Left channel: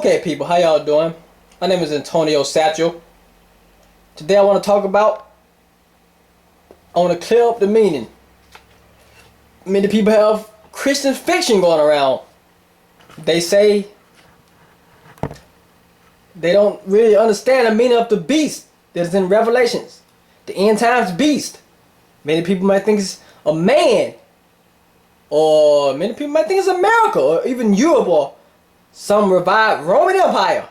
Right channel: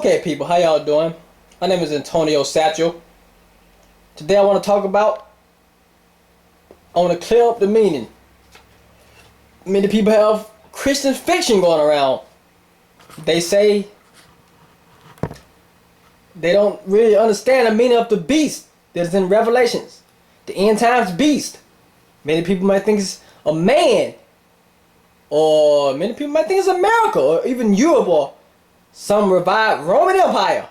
Okay, people, how y'all doing? My name is Antonio Satchel. Today I want to talk about, I want to clear up the meaning. Many people have Christian fiction going around. They say they don't really understand the meaning of the beast that's in Revelations. The end times beast. Many people might think it's a man. Or many people might think it's America or even Europe or some revived Roman Empire.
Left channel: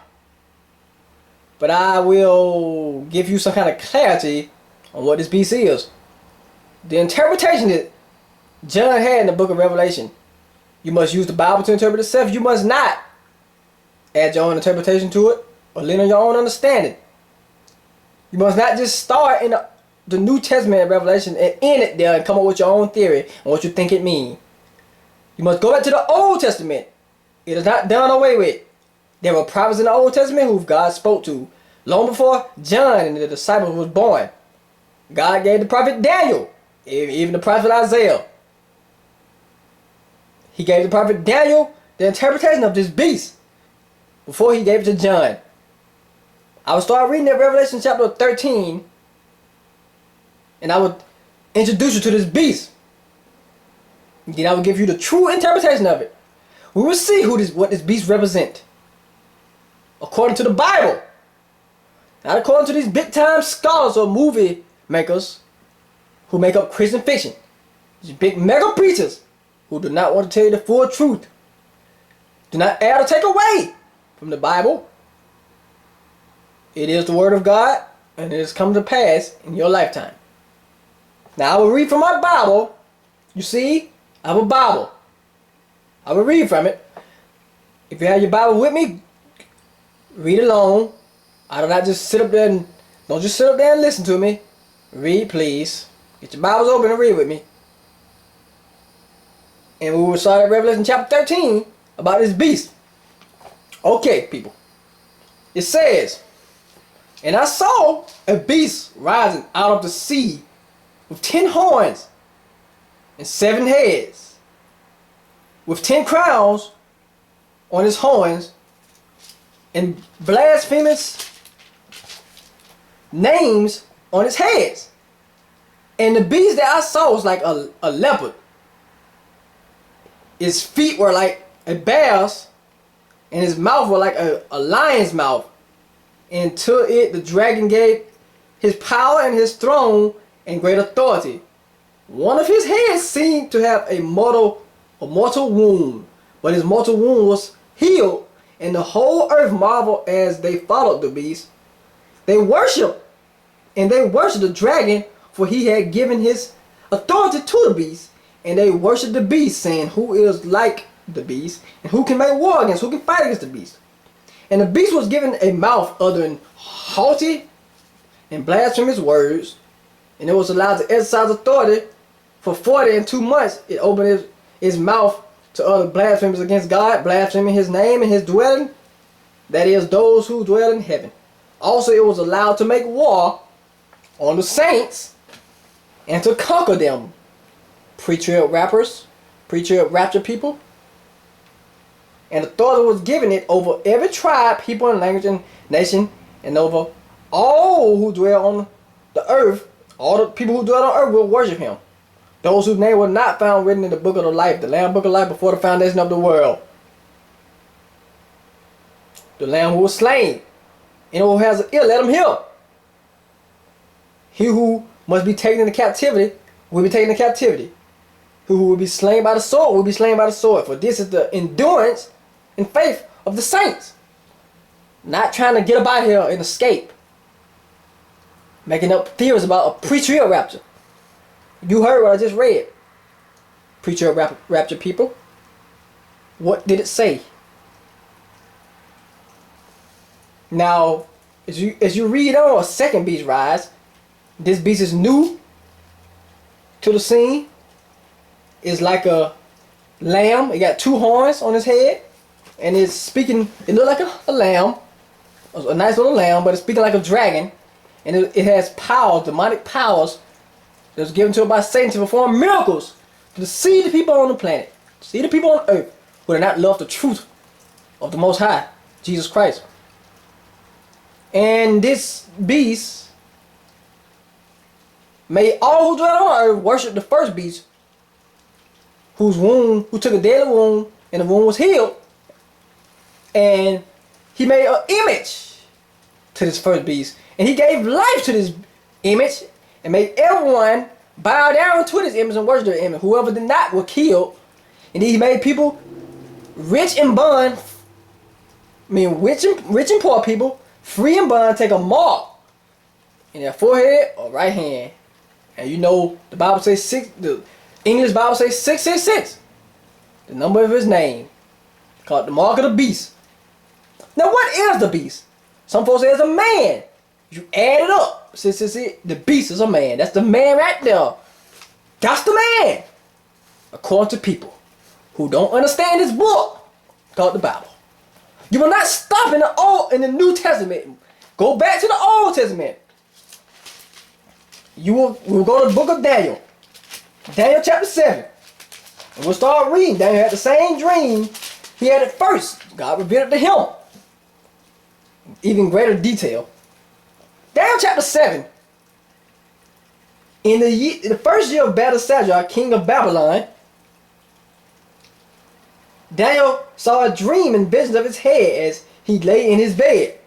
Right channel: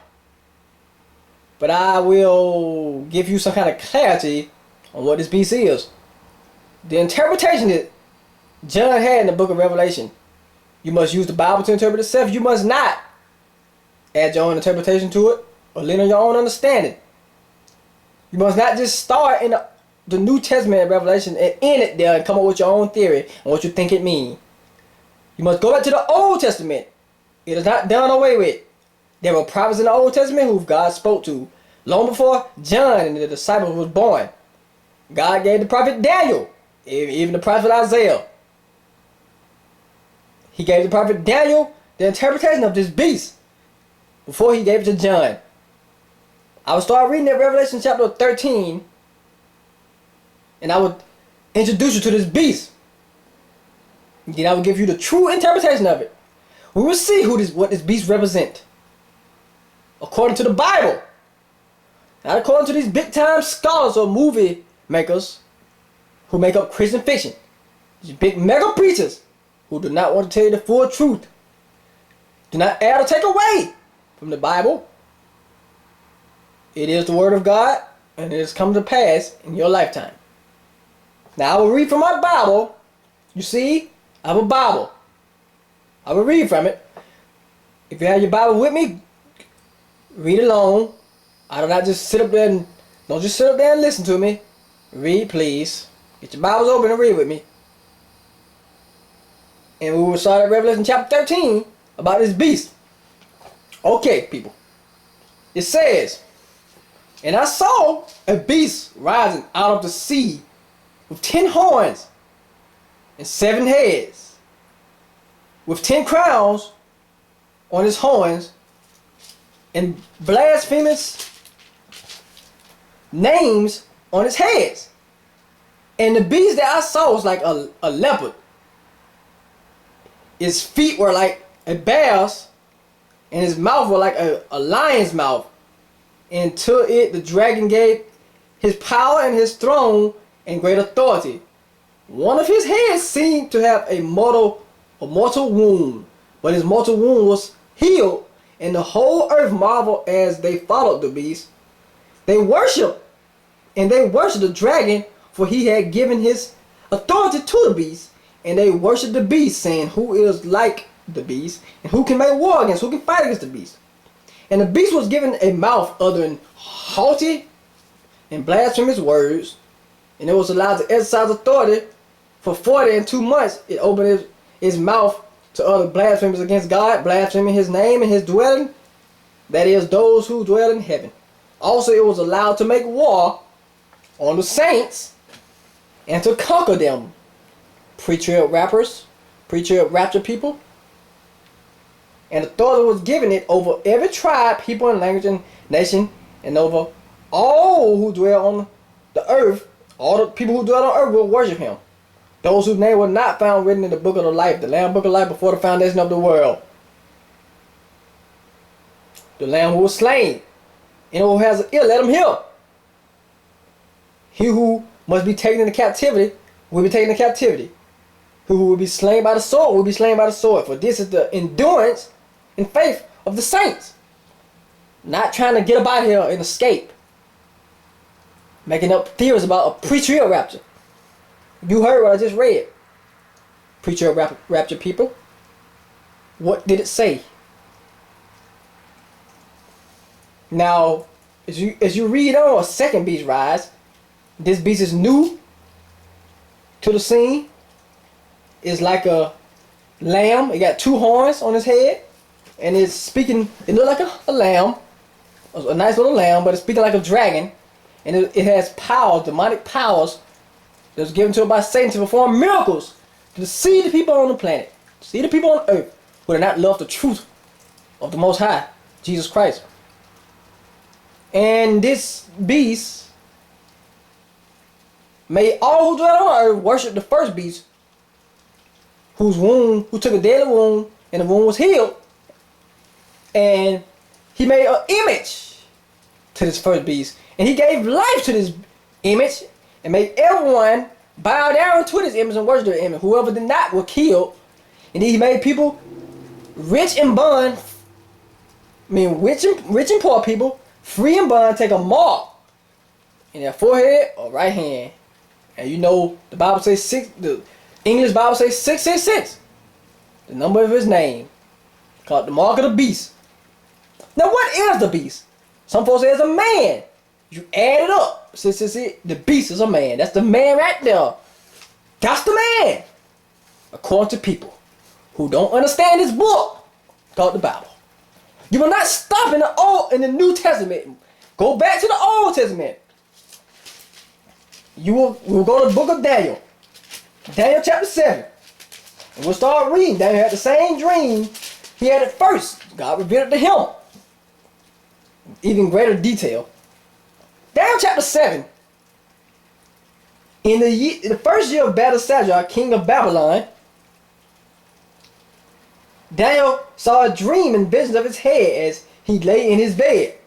But I will give you some kind of clarity on what this beast is. The interpretation that John had in the book of Revelation. You must use the Bible to interpret itself. You must not add your own interpretation to it or lean on your own understanding. You must not just start in the New Testament in Revelation and end it there and come up with your own theory and what you think it means. You must go back to the Old Testament. It is not done away with. There were prophets in the Old Testament who God spoke to long before John and the disciples was born. God gave the prophet Daniel, even the prophet Isaiah. He gave the prophet Daniel the interpretation of this beast before he gave it to John. I would start reading at Revelation chapter 13 and I would introduce you to this beast. Then I will give you the true interpretation of it. We will see what this beast represents. According to the Bible. Not according to these big time scholars or movie makers who make up Christian fiction. These big mega preachers who do not want to tell you the full truth. Do not add or take away from the Bible. It is the word of God and it has come to pass in your lifetime. Now I will read from my Bible. You see, I have a Bible. I will read from it. If you have your Bible with me, read along. I do not just sit up there and don't just sit up there and listen to me. Read, please. Get your Bibles open and read with me. And we will start at Revelation chapter 13 about this beast. Okay, people. It says, "And I saw a beast rising out of the sea with 10 horns and 7 heads, with 10 crowns on his horns, and blasphemous names on his heads. And the beast that I saw was like a leopard. His feet were like a bear's, and his mouth was like a lion's mouth. And to it the dragon gave his power and his throne and great authority. One of his heads seemed to have a mortal wound, but his mortal wound was healed, and the whole earth marveled as they followed the beast. They worshiped the dragon, for he had given his authority to the beast, and they worshiped the beast, saying, Who is like the beast, and who can make war against, who can fight against the beast? And the beast was given a mouth uttering haughty and blasphemous words, and it was allowed to exercise authority. For 42 months it opened his mouth to utter blasphemies against God, blaspheming his name and his dwelling, that is, those who dwell in heaven. Also it was allowed to make war on the saints and to conquer them. Pre-trib rapture people. And authority was given it over every tribe, people, and language and nation, and over all who dwell on the earth. All the people who dwell on earth will worship him. Those whose name were not found written in the book of the life, the Lamb book of life, before the foundation of the world. The Lamb who was slain, and who has an ear, let him hear. He who must be taken into captivity will be taken into captivity. He who will be slain by the sword will be slain by the sword. For this is the endurance and faith of the saints. Not trying to get up out here and escape. Making up theories about a pre-trib rapture. You heard what I just read. Pre-trib rapture people. What did it say? Now, as you read on, a second beast rise. This beast is new to the scene. It's like a lamb. It got 2 horns on his head. And it's speaking, it looks like a lamb. A nice little lamb, but it's speaking like a dragon. And it has powers, demonic powers, that was given to it by Satan to perform miracles, to deceive the people on the planet, deceive the people on earth who do not love the truth of the Most High, Jesus Christ. And this beast made all who dwell on earth worship the first beast, who took a deadly wound, and the wound was healed. And he made an image to this first beast, and he gave life to this image, and made everyone bow down to this image and worship the image. Whoever did not were killed. And then he made people rich and bond, rich and poor people, free and bond, take a mark in their forehead or right hand. And you know the Bible says the English Bible says 666, the number of his name, called the mark of the beast. Now what is the beast? Some folks say it's a man. You add it up. The beast is a man. That's the man right there. That's the man. According to people who don't understand this book called the Bible. You will not stop in the New Testament. Go back to the Old Testament. We'll go to the book of Daniel. Daniel chapter 7. And we'll start reading. Daniel had the same dream he had at first. God revealed it to him. Even greater detail. Daniel chapter 7. In the first year of Belshazzar, king of Babylon, Daniel saw a dream and visions of his head as he lay in his bed.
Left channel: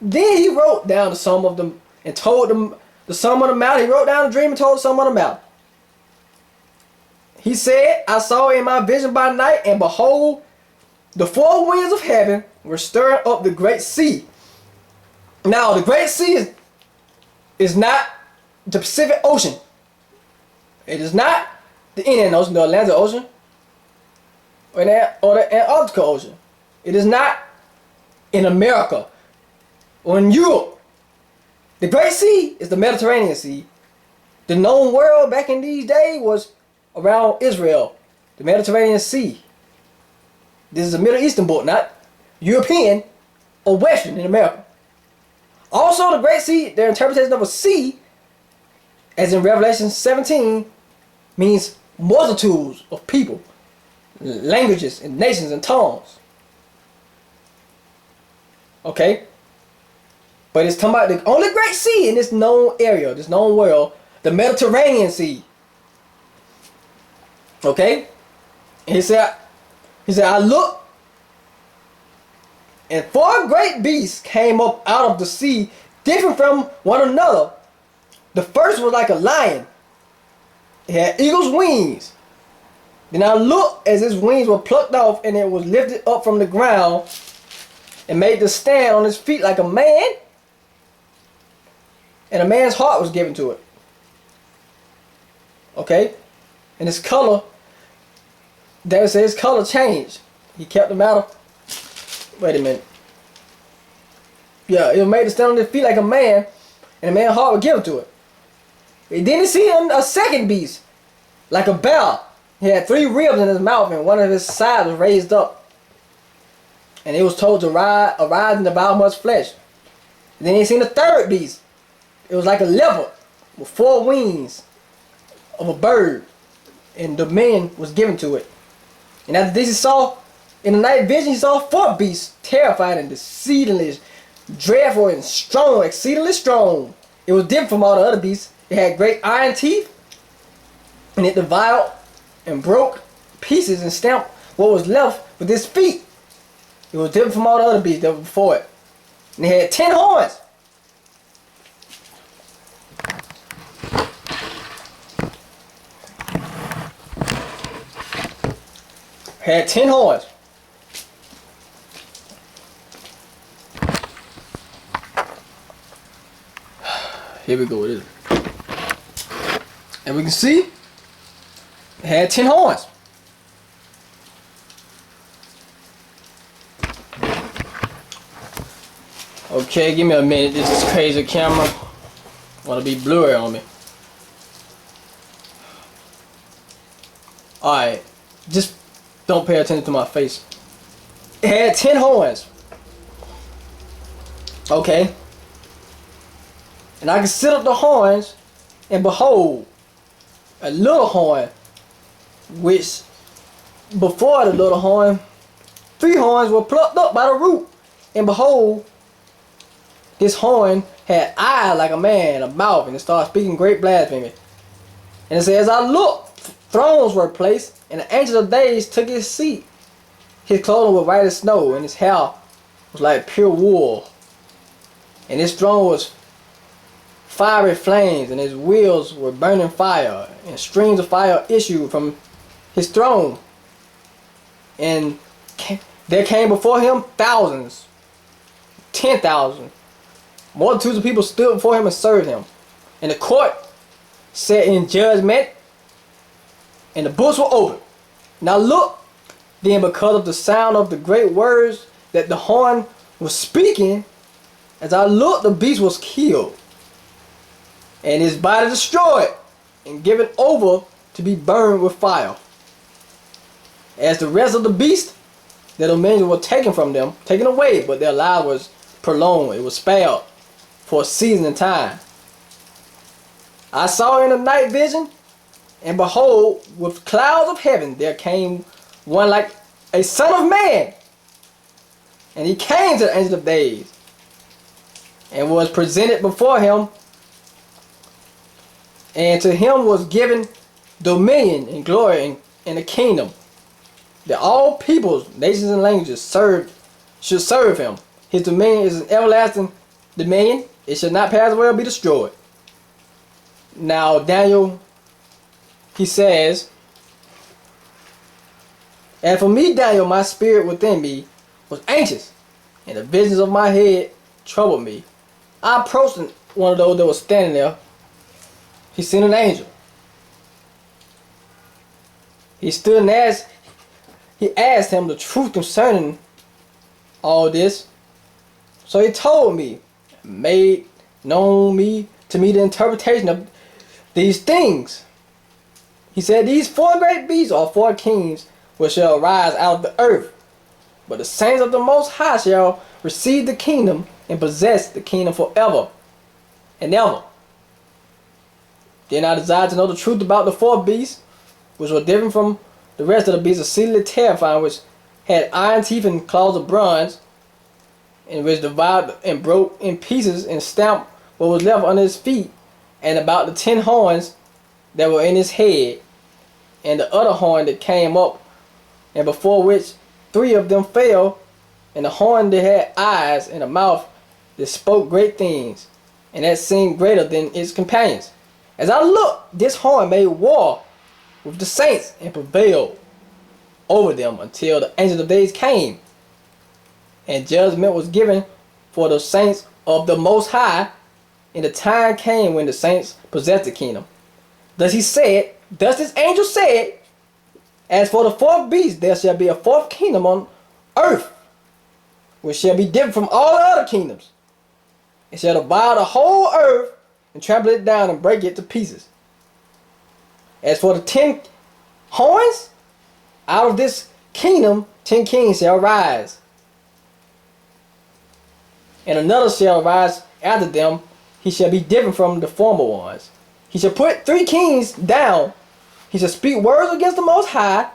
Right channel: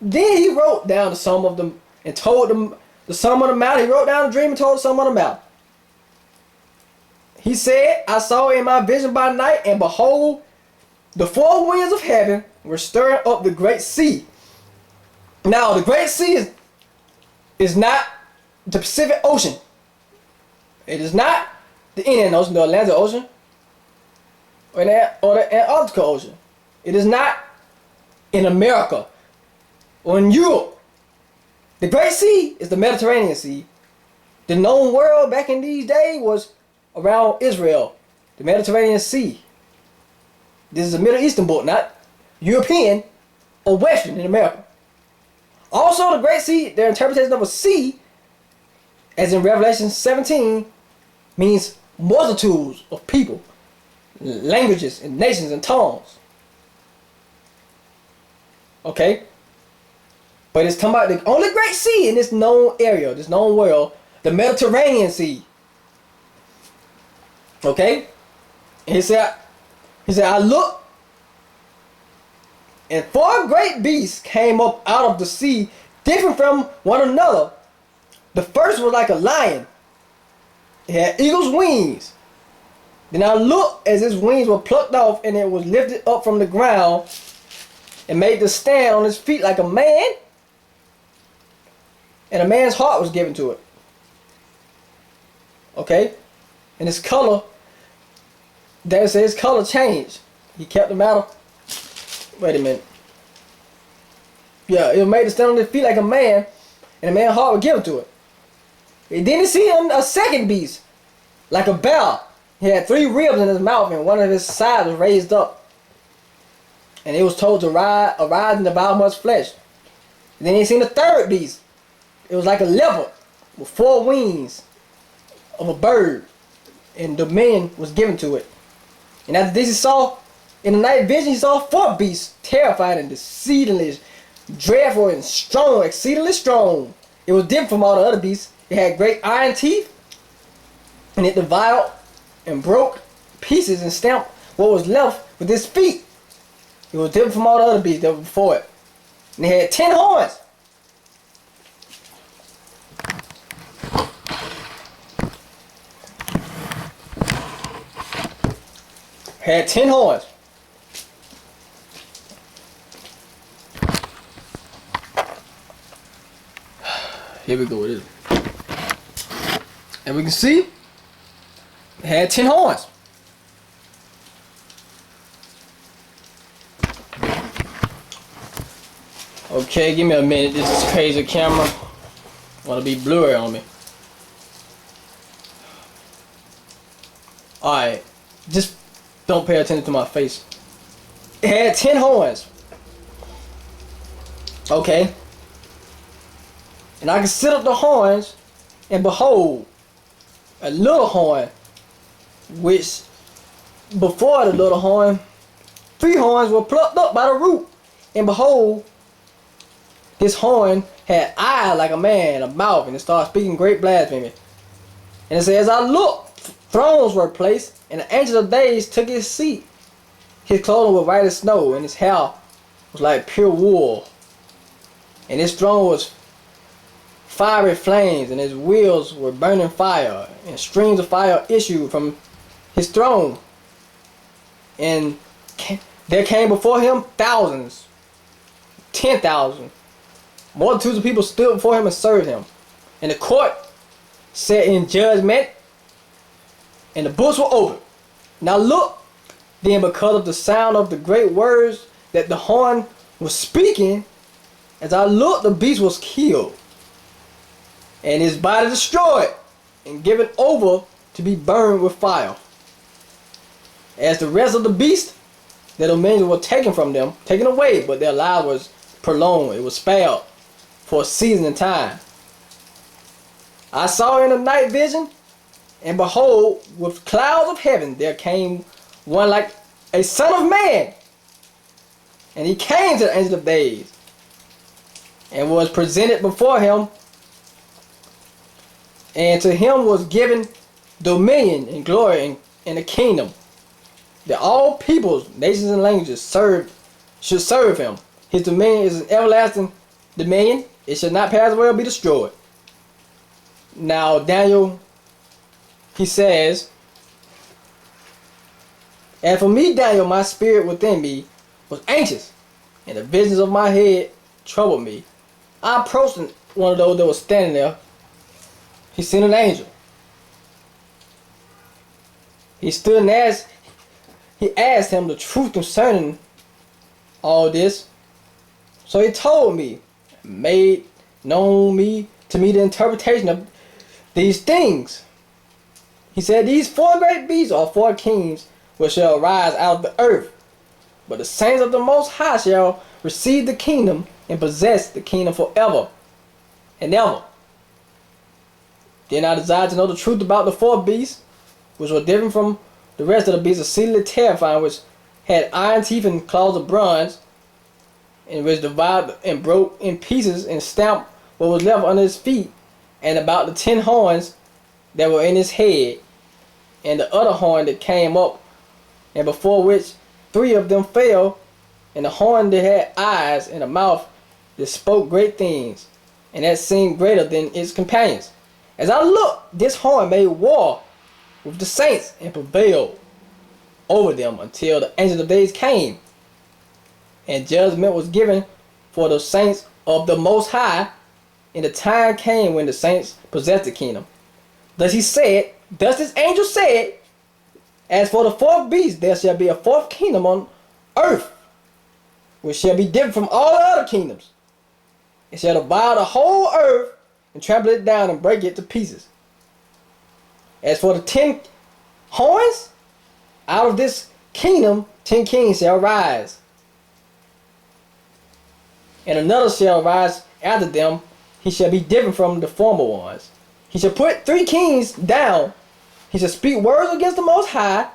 Then he wrote down the sum of them and told them the sum of the matter. He wrote down the dream and told the sum of the matter. He said, I saw in my vision by night, and behold, the four winds of heaven were stirring up the great sea. Now, the great sea is not the Pacific Ocean. It is not the Indian Ocean, the Atlantic Ocean, or the Antarctic Ocean. It is not in America or in Europe. The Great Sea is the Mediterranean Sea. The known world back in these days was around Israel, the Mediterranean Sea. This is a Middle Eastern book, not European or Western in America. Also, the Great Sea, their interpretation of a sea, as in Revelation 17, means multitudes of people, languages, and nations and tongues. Okay? But it's talking about the only great sea in this known area, this known world, the Mediterranean Sea. Okay? And he said, I looked, and four great beasts came up out of the sea, different from one another. The first was like a lion. It had eagle's wings. Then I looked as his wings were plucked off, and it was lifted up from the ground and made to stand on his feet like a man. And a man's heart was given to it. Okay? And his color, David said his color changed. He kept the matter. Wait a minute. Yeah, it was made to stand on his feet like a man, and a man's heart was given to it. And then he see a second beast, like a bear. He had 3 ribs in his mouth, and one of his sides was raised up. And it was told to arise and devour much flesh. And then he seen a third beast. It was like a leopard with 4 wings of a bird, and dominion was given to it. And after this, he saw in the night vision, he saw 4 beasts, terrified and exceedingly dreadful and strong, exceedingly strong. It was different from all the other beasts. It had great iron teeth, and it devoured and broke pieces and stamped what was left with its feet. It was different from all the other beasts that were before it. And it had 10 horns. Had 10 horns. Here we go with it. And we can see it had 10 horns. Okay, give me a minute. This is crazy camera. Want to be blurry on me. Alright. Just don't pay attention to my face. It had 10 horns. Okay. And I considered the horns, and behold, a little horn, which before the little horn 3 horns were plucked up by the root. And behold, this horn had eyes like a man, a mouth, and it started speaking great blasphemy. And it says, as I looked, thrones were placed, and the Ancient of Days took his seat. His clothing was white as snow, and his hair was like pure wool. And his throne was fiery flames, and his wheels were burning fire, and streams of fire issued from his throne. And there came before him thousands, 10,000. Multitudes of people stood before him and served him. And the court sat in judgment, and the books were opened. Now look, then, because of the sound of the great words that the horn was speaking, as I looked, the beast was killed, and his body destroyed, and given over to be burned with fire. As the rest of the beast, their dominions were taken from them, taken away, but their life was prolonged. It was spared for a season and time. I saw in the night vision, and behold, with clouds of heaven there came one like a son of man. And he came to the Ancient of Days, and was presented before him. And to him was given dominion and glory and a kingdom, that all peoples, nations, and languages should serve him. His dominion is an everlasting dominion. It shall not pass away or be destroyed. Now Daniel, he says, and for me, Daniel, my spirit within me was anxious, and the visions of my head troubled me. I approached one of those that was standing there. He sent an angel. He stood and asked him the truth concerning all this. So he told me, made known to me the interpretation of these things. He said, these 4 great beasts are 4 kings which shall arise out of the earth. But the saints of the Most High shall receive the kingdom and possess the kingdom forever and ever. Then I desired to know the truth about the 4 beasts, which were different from the rest of the beasts, exceedingly terrifying, which had iron teeth and claws of bronze, and which devoured and broke in pieces and stamped what was left under his feet, and about the 10 horns that were in his head, and the other horn that came up, and before which 3 of them fell, and the horn that had eyes and a mouth that spoke great things, and that seemed greater than its companions. As I looked, this horn made war with the saints and prevailed over them until the Ancient of Days came, and judgment was given for the saints of the Most High, and the time came when the saints possessed the kingdom. Thus this angel said, as for the 4th beast, there shall be a 4th kingdom on earth, which shall be different from all the other kingdoms. It shall devour the whole earth, and trample it down, and break it to pieces. As for the 10 horns, out of this kingdom 10 kings shall rise, and another shall rise after them. He shall be different from the former ones. He shall put 3 kings down. He shall speak words against the Most High.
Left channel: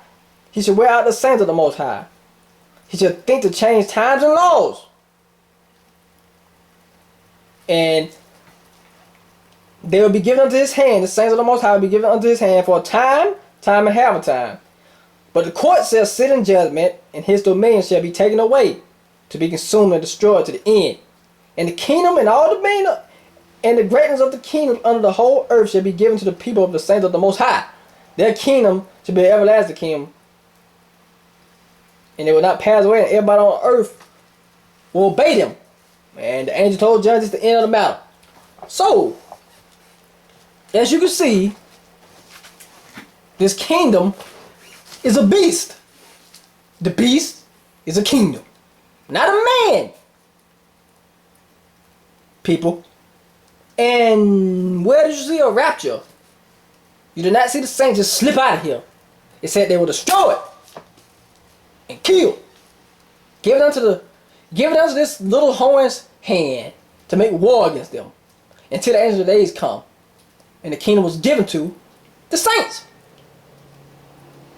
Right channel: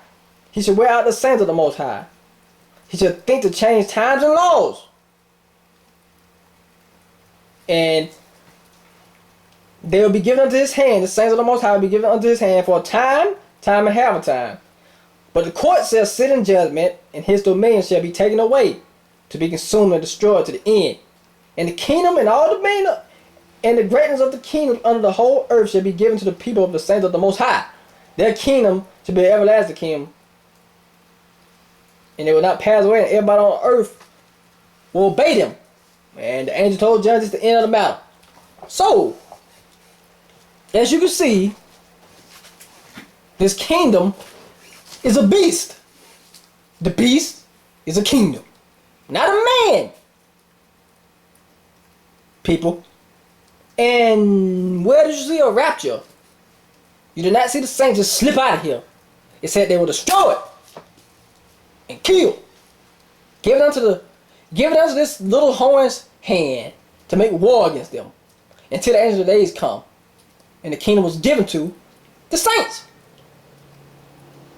He shall wear out the saints of the Most High. He shall think to change times and laws. And they will be given unto his hand. The saints of the Most High will be given unto his hand for a time, and half a time. But the court shall sit in judgment, and his dominion shall be taken away, to be consumed and destroyed to the end. And the kingdom and all dominion and the greatness of the kingdom under the whole earth shall be given to the people of the saints of the Most High. Their kingdom shall be an everlasting kingdom, and they will not pass away, and everybody on earth will obey them. And the angel told John, this is the end of the matter. So, as you can see, this kingdom is a beast. The beast is a kingdom, not a man. People. And where did you see a rapture? You did not see the saints just slip out of here. It said they were destroyed and killed. Give it unto this little horn's hand to make war against them until the end of the days come, and the kingdom was given to the saints.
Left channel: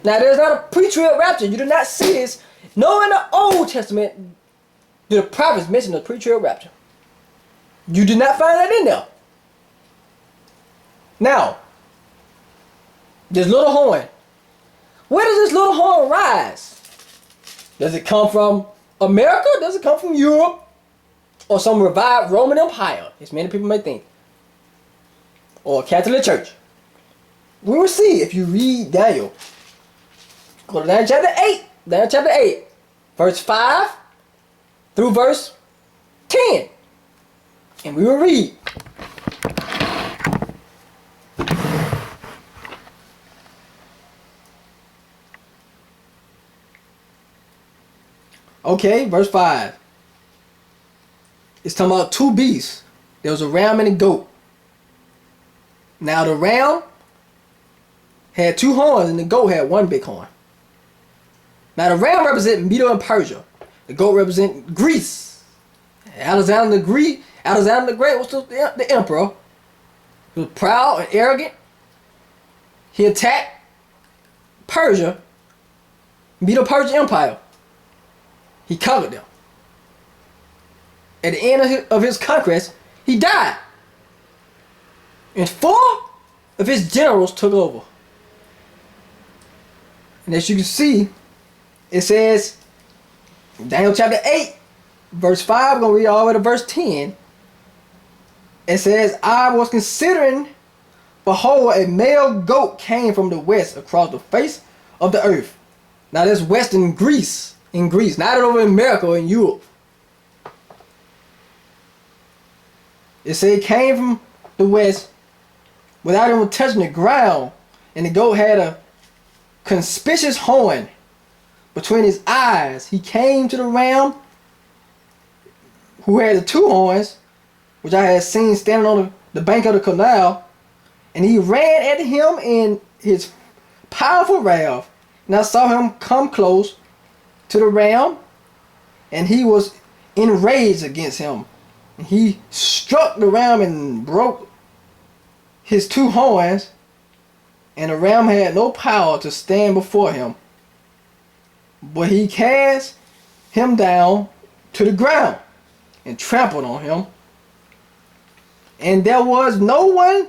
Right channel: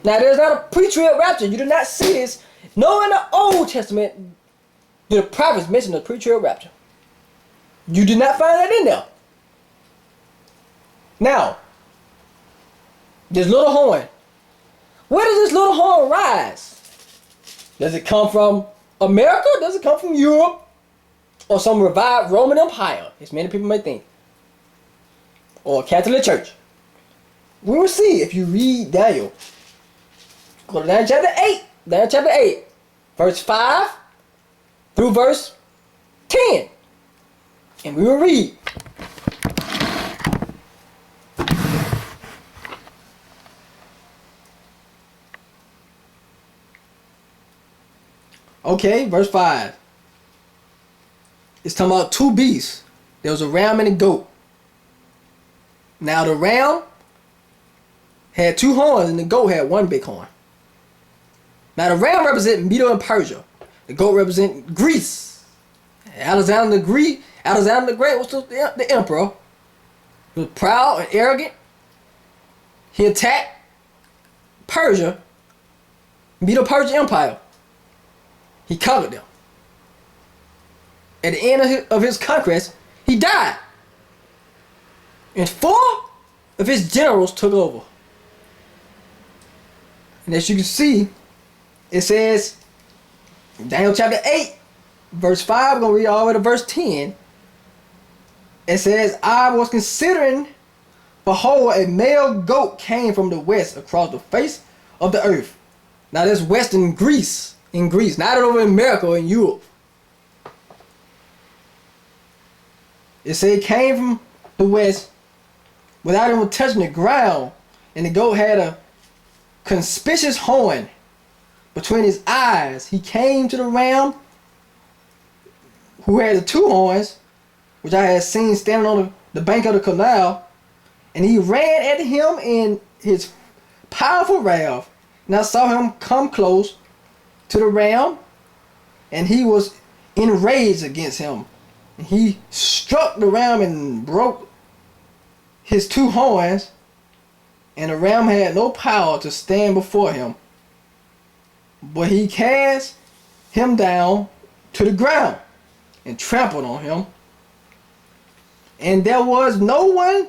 Now there's not a pre-trib rapture. You do not see this Nowhere in the Old Testament do the prophets mention the pre-trib rapture. You did not find that in there. Now, this little horn. Where does this little horn rise? Does it come from America? Does it come from Europe? Or some revived Roman Empire, as many people may think? Or Catholic Church? We will see if you read Daniel. Go to Daniel chapter 8. Daniel chapter 8. Verse 5 through verse 10. And we will read. Okay, verse 5. It's talking about two beasts. There was a ram and a goat. Now the ram had two horns and the goat had one big horn. Now the ram represents Medo and Persia. The goat represents Greece. Alexander the Great was the emperor. He was proud and arrogant. He attacked Persia, Medo-Persian Empire. He conquered them. At the end of his conquest, he died. And 4 of his generals took over. And as you can see, it says, Daniel chapter 8, verse 5, I'm going to read all the way to verse 10. It says, I was considering, behold, a male goat came from the west across the face of the earth. Now that's west in Greece, not over in America or in Europe. It said it came from the west without even touching the ground, and the goat had a conspicuous horn between his eyes. He came to the ram, who had the 2 horns, which I had seen standing on the bank of the canal, and he ran at him in his powerful wrath. And I saw him come close to the ram, and he was enraged against him. And he struck the ram and broke his 2 horns, and the ram had no power to stand before him. But he cast him down to the ground and trampled on him. And there was no one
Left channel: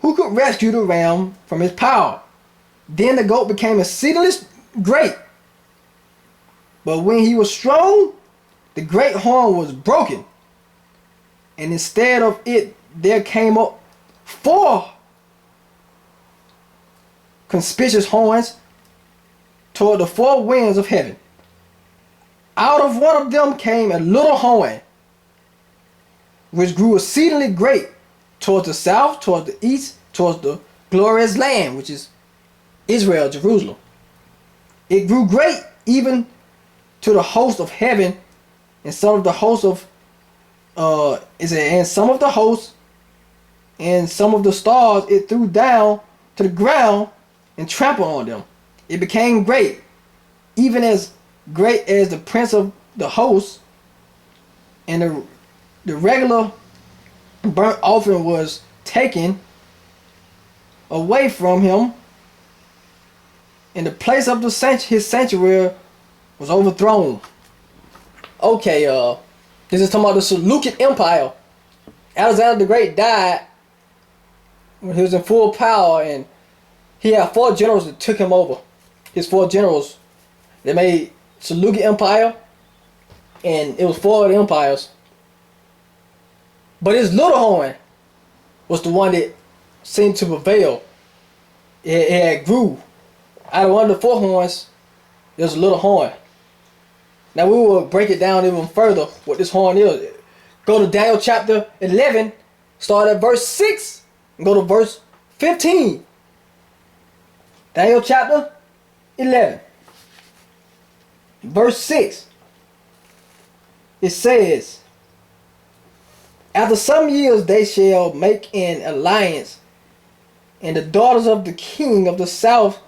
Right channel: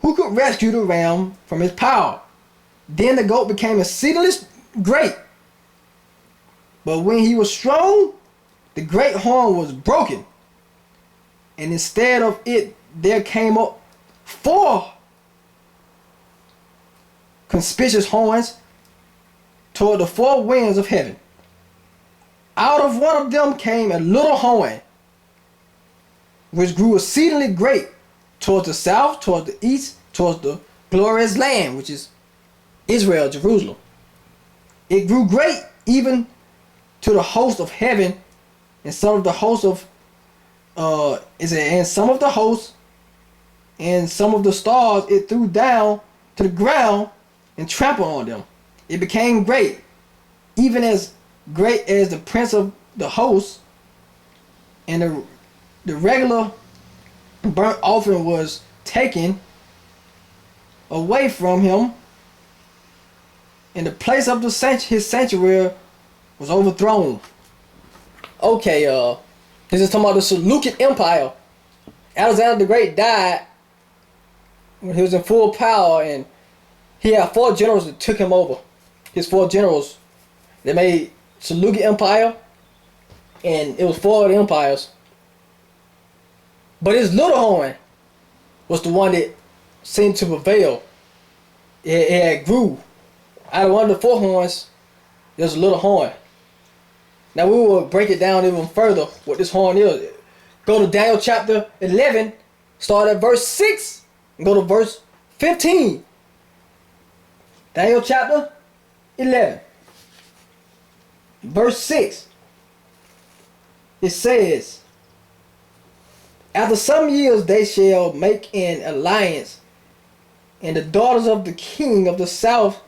who could rescue the ram from his power. Then the goat became exceedingly great. But when he was strong, the great horn was broken. And instead of it, there came up 4 conspicuous horns toward the 4 winds of heaven. Out of one of them came a little horn, which grew exceedingly great towards the south, towards the east, towards the glorious land, which is Israel, Jerusalem. It grew great even to the host of heaven, and some of the hosts of and some of the hosts and some of the stars it threw down to the ground and trampled on them. It became great, even as great as the prince of the hosts, and the regular burnt offering was taken away from him, and the place of his sanctuary was overthrown. Okay, this is talking about the Seleucid Empire. Alexander the Great died when he was in full power, and he had 4 generals that took him over. His 4 generals, they made Seleucid Empire, and it was 4 of the empires. But his little horn was the one that seemed to prevail. It had grew. Out of one of the 4 horns, there's a little horn. Now we will break it down even further what this horn is. Go to Daniel chapter 11, start at verse 6, and go to verse 15. Daniel chapter 11, verse 6. It says, after some years they shall make an alliance, and the daughters of the king of the south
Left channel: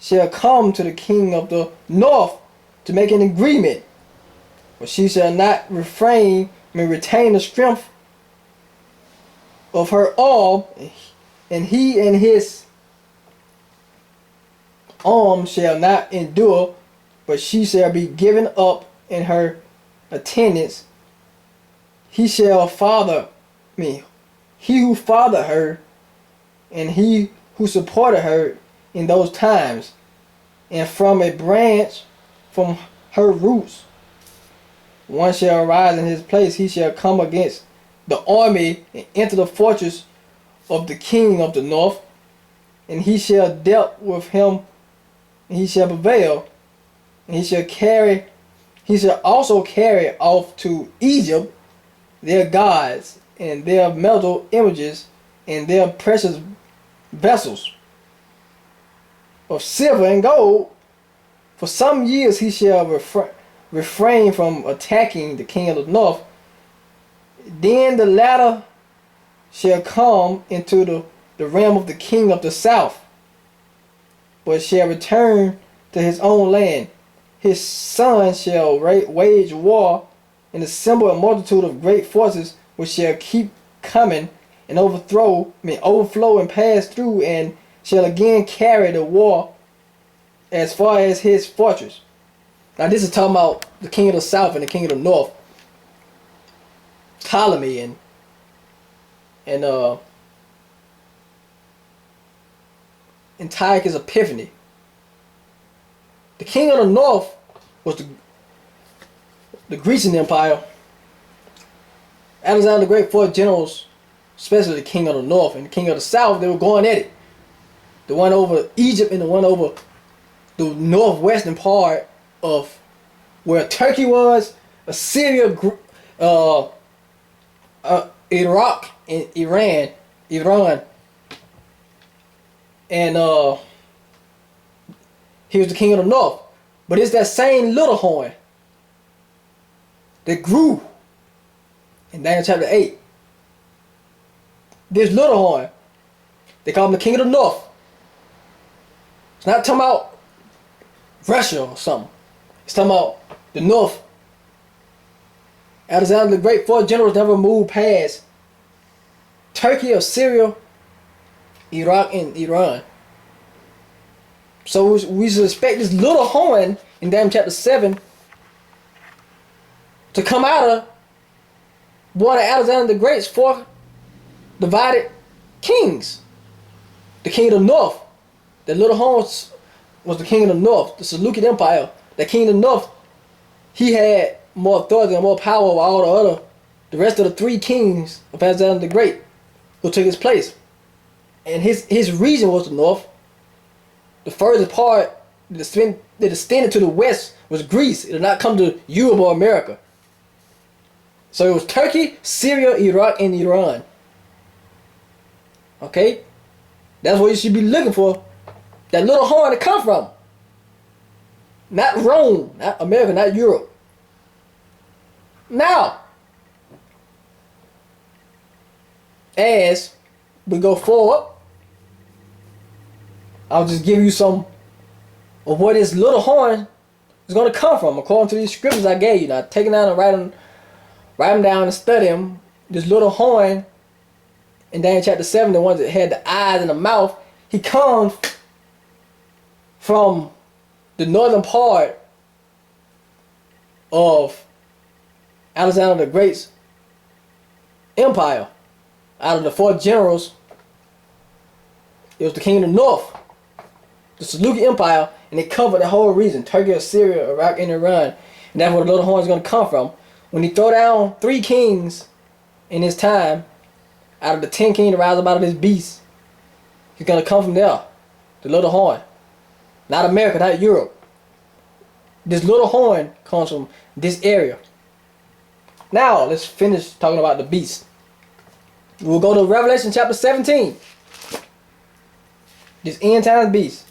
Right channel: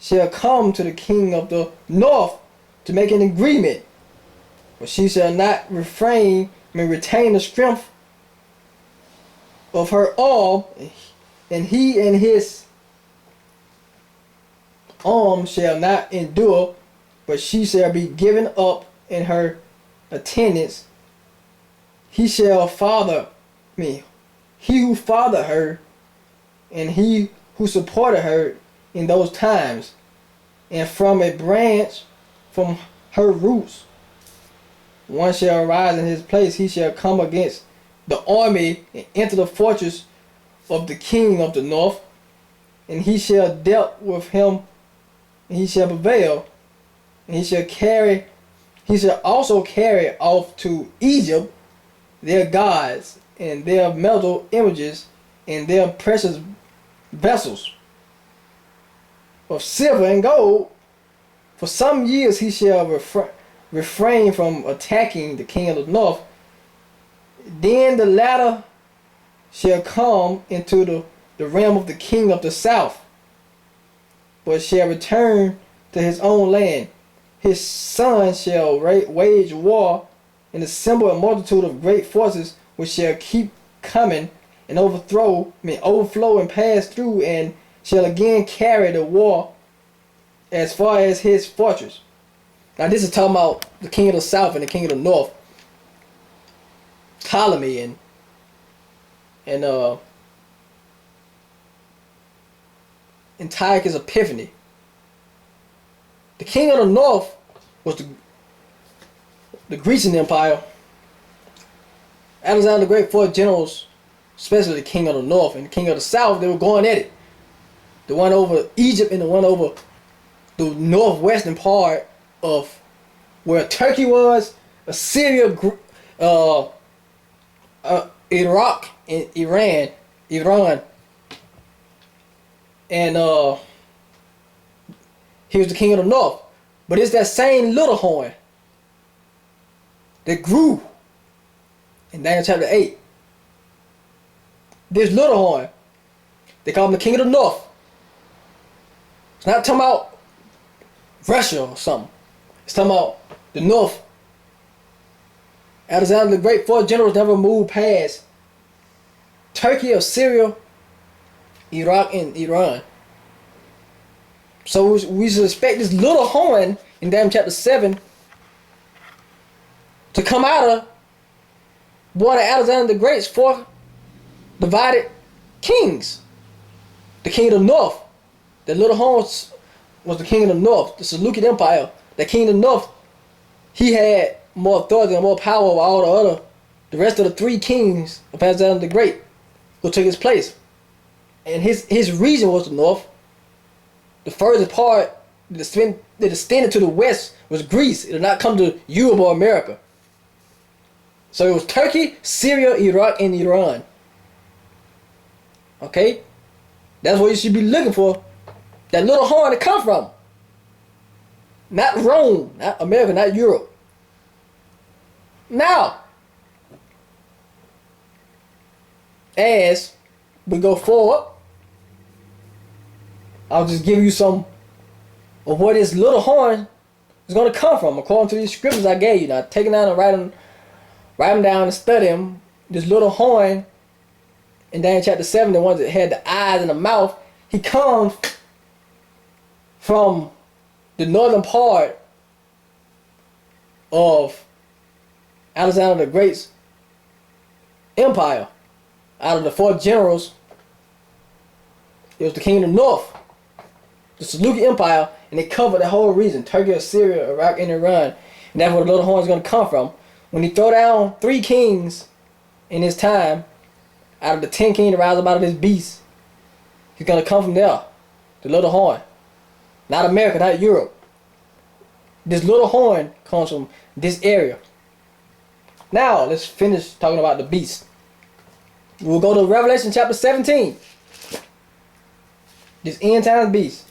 shall come to the king of the north to make an agreement, but she shall not retain the strength of her arm, and he and his arm shall not endure but she shall be given up in her attendance. He shall father me. He who fathered her, and he who supported her in those times, and from a branch from her roots, one shall arise in his place. He shall come against the army and enter the fortress of the king of the north, and he shall deal with him, and he shall prevail, and he shall also carry off to Egypt their gods and their metal images and their precious vessels of silver and gold. For some years he shall refrain from attacking the king of the north. Then the latter shall come into the realm of the king of the south, but shall return to his own land. His son shall wage war and assemble a multitude of great forces, which shall keep coming and overflow and pass through, and shall again carry the war as far as his fortress. Now this is talking about the king of the south and the king of the north, Ptolemy and Antiochus Epiphanes. The king of the north was the Grecian Empire. Alexander the Great fought generals, especially the king of the north and the king of the south. They were going at it. The one over Egypt and the one over the northwestern part of where Turkey was, Assyria, Iraq, and Iran, and he was the king of the north. But it's that same little horn that grew in Daniel chapter 8. This little horn, they call him the king of the north. It's not talking about Russia or something. It's talking about the north. Alexander the Great, 4 generals never moved past Turkey or Syria, Iraq, and Iran. So we should expect this little horn in Daniel chapter 7 to come out of one of Alexander the Great's 4 divided kings. The king of the north. The little horn was the king of the north, the Seleucid Empire. The king of the north, he had more authority and more power over all the rest of the 3 kings of Alexander the Great who took his place. And his region was the north. The furthest part that extended to the west was Greece. It did not come to Europe or America. So it was Turkey, Syria, Iraq, and Iran. Okay? That's where you should be looking for that little horn to come from. Not Rome, not America, not Europe. Now, as we go forward, I'll just give you some of where this little horn is going to come from according to these scriptures I gave you. Now, take it down and write them down and study them. This little horn in Daniel chapter 7, the ones that had the eyes and the mouth, he comes from the northern part of Alexander the Great's empire. Out of the 4 generals, it was the king of the north, the Seleucid Empire, and it covered the whole region, Turkey, Syria, Iraq, and Iran. And that's where the little horn is going to come from. When he throw down 3 kings in his time, out of the 10 kings to rise up out of this beast, he's going to come from there, the little horn. Not America, not Europe. This little horn comes from this area. Now, let's finish talking about the beast. We'll go to Revelation chapter 17. This end times beast.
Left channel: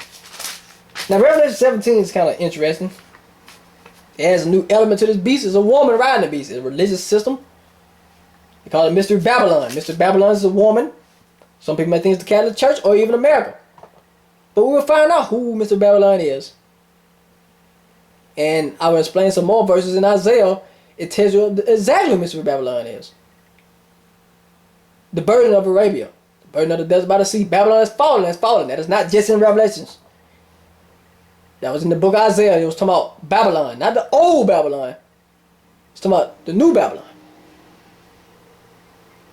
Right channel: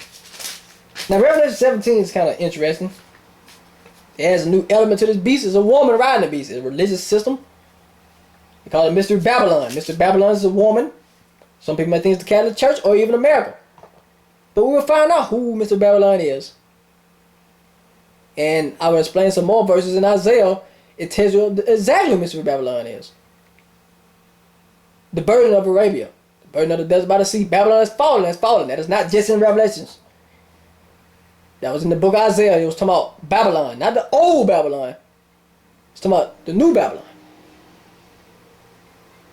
Now, Revelation 17 is kind of interesting. It has a new element to this beast. It's a woman riding the beast. It's a religious system. They call it Mystery Babylon. Mystery Babylon is a woman. Some people may think it's the Catholic Church or even America. But we will find out who Mystery Babylon is. And I will explain some more verses in Isaiah. It tells you exactly who Mystery Babylon is. The burden of Arabia. The burden of the desert by the sea. Babylon has fallen. That is not just in Revelations. That was in the book of Isaiah. It was talking about Babylon, not the old Babylon. It's talking about the new Babylon.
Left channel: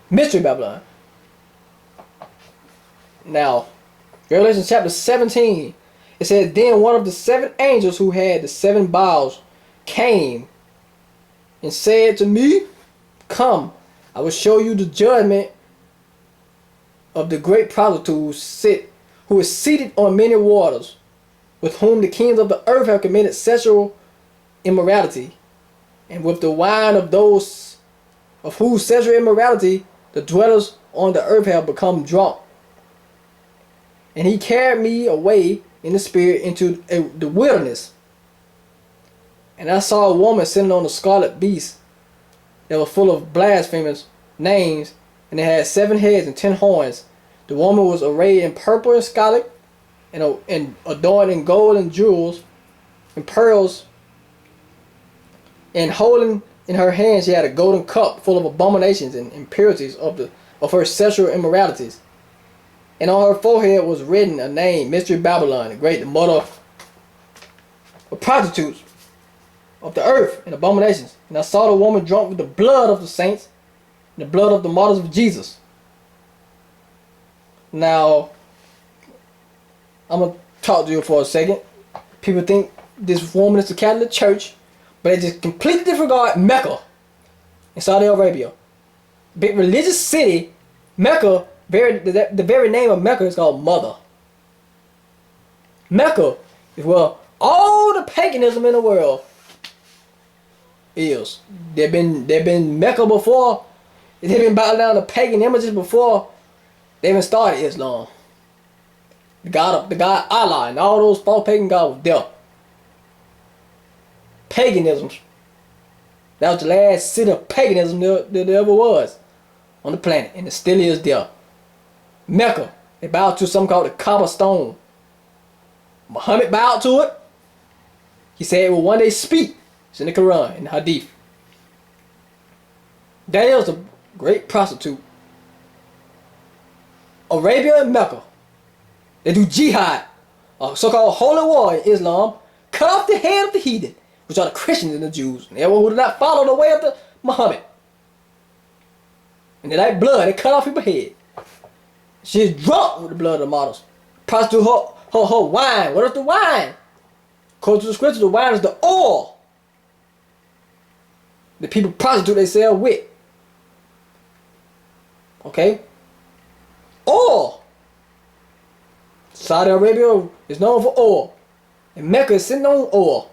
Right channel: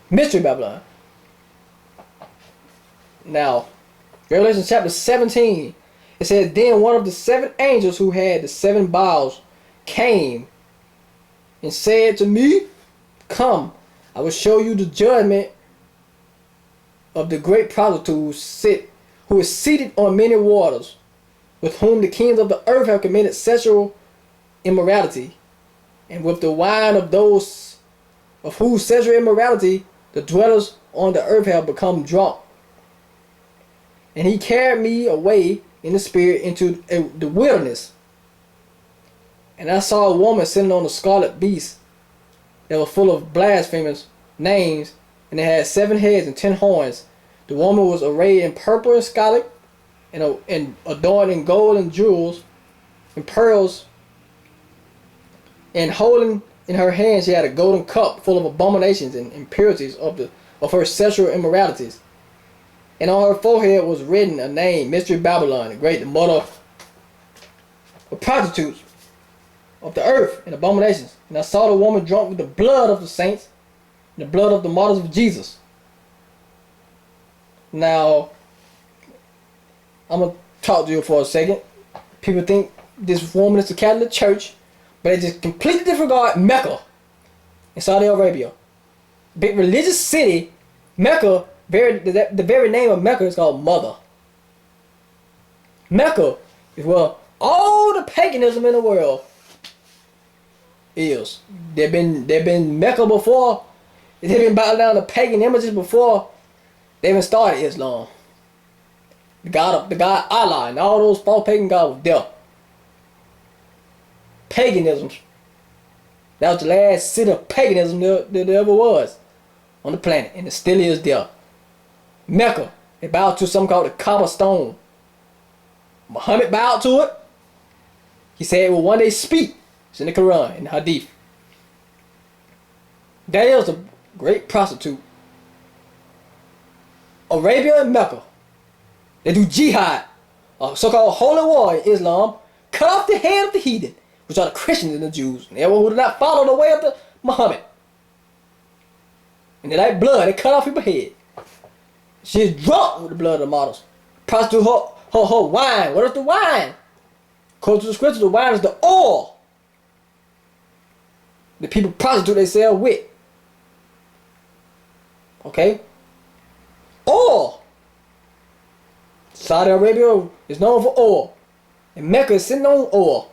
Mystery Babylon. Now, Revelation chapter 17, it says, then one of the 7 angels who had the 7 bowls came and said to me, come, I will show you the judgment of the great prostitute who is seated on many waters, with whom the kings of the earth have committed sexual immorality, and with the wine of those of whose sexual immorality the dwellers on the earth have become drunk. And he carried me away in the spirit into the wilderness. And I saw a woman sitting on a scarlet beast that was full of blasphemous names, and it had 7 heads and 10 horns. The woman was arrayed in purple and scarlet, and adorned in gold and jewels and pearls, and holding in her hand she had a golden cup full of abominations and impurities of her sexual immoralities. And on her forehead was written a name, Mystery Babylon, the great, the mother of prostitutes of the earth and abominations. And I saw the woman drunk with the blood of the saints and the blood of the martyrs of Jesus. Now, I'm going to talk to you for a second. People think this woman is the Catholic Church, but they just completely disregard Mecca in Saudi Arabia. Big religious city, Mecca. The very name of Mecca is called Mother. Mecca is where all the paganism in the world is. They've been Mecca before. They've been bowing down to pagan images before they even started Islam. The God Allah and all those false pagan gods were there. Paganism. That was the last city of paganism there ever was on the planet, and it still is there. Mecca, they bowed to something called the Kaaba stone. Muhammad bowed to it. He said it will one day speak. It's in the Quran, in the Hadith. That is a great prostitute. Arabia and Mecca, they do jihad, a so-called holy war in Islam. Cut off the head of the heathen, which are the Christians and the Jews, and everyone who did not follow the way of the Muhammad. And they like blood, they cut off people's head. She is drunk with the blood of the martyrs. Prostitute her wine. What is the wine? According to the scripture, the wine is the oil the people prostitute themselves with. Okay? Oil. Saudi Arabia is known for oil. And Mecca is sitting on oil.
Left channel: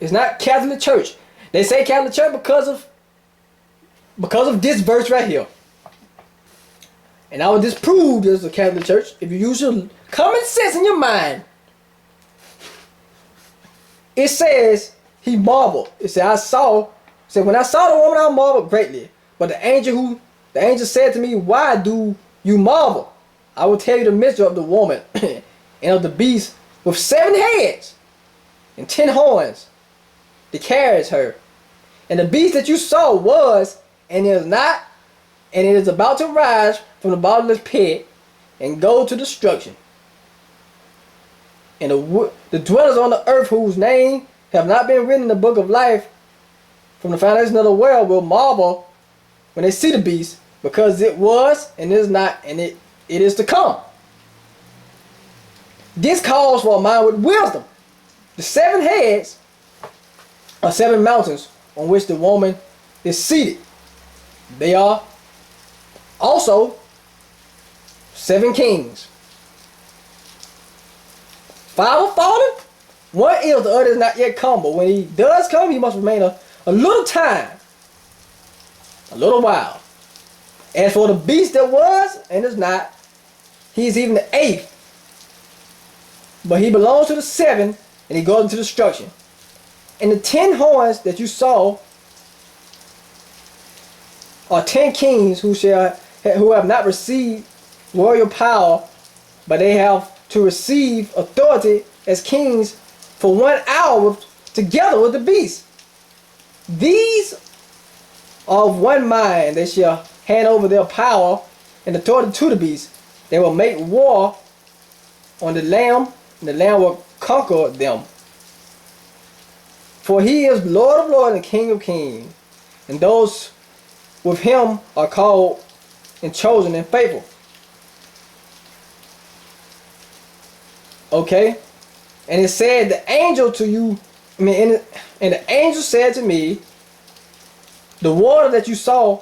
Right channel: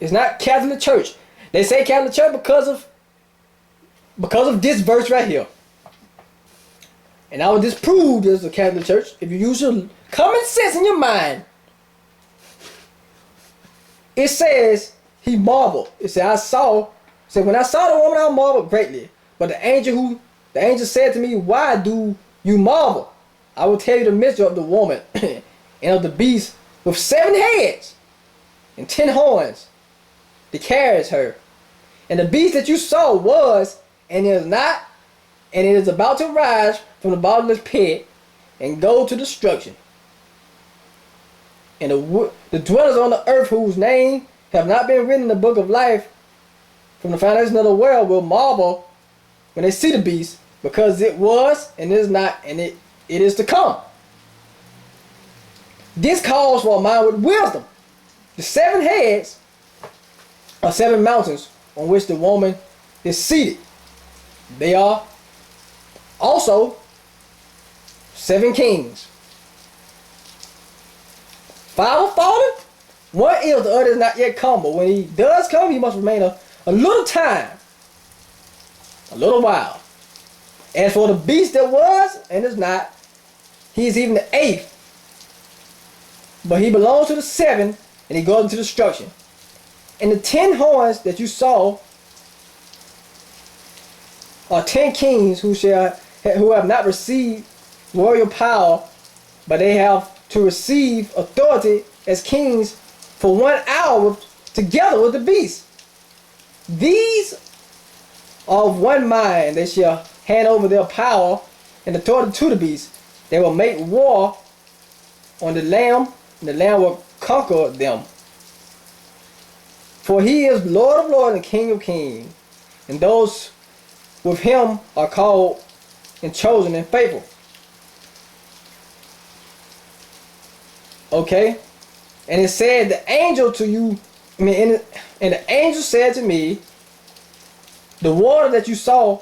It's not Catholic Church. They say Catholic Church because of this verse right here. And I will disprove this is a Catholic Church if you use your common sense in your mind. It says he marveled. It said when I saw the woman I marveled greatly. But the angel said to me, why do you marvel? I will tell you the mystery of the woman and of the beast with 7 heads and 10 horns that carries her. And the beast that you saw was and is not, and it is about to rise from the bottomless pit and go to destruction. And the dwellers on the earth whose name have not been written in the book of life from the foundation of the world will marvel when they see the beast, because it was and is not, and it is to come. This calls for a mind with wisdom. The 7 heads are 7 mountains on which the woman is seated. They are also 7 kings. 5 are fallen, 1 is, the other is not yet come. But when he does come, he must remain a little time, a little while. As for the beast that was and is not, he is even the 8th. But he belongs to the 7, and he goes into destruction. And the 10 horns that you saw are 10 kings who have not received royal power, but they have to receive authority as kings for 1 hour together with the beast. These are of one mind. They shall hand over their power and authority to the beast. They will make war on the Lamb and the Lamb will conquer them. For he is Lord of lords and King of kings, and those with him are called and chosen and faithful. Okay? And it said, the angel to you, and the angel said to me, the water that you saw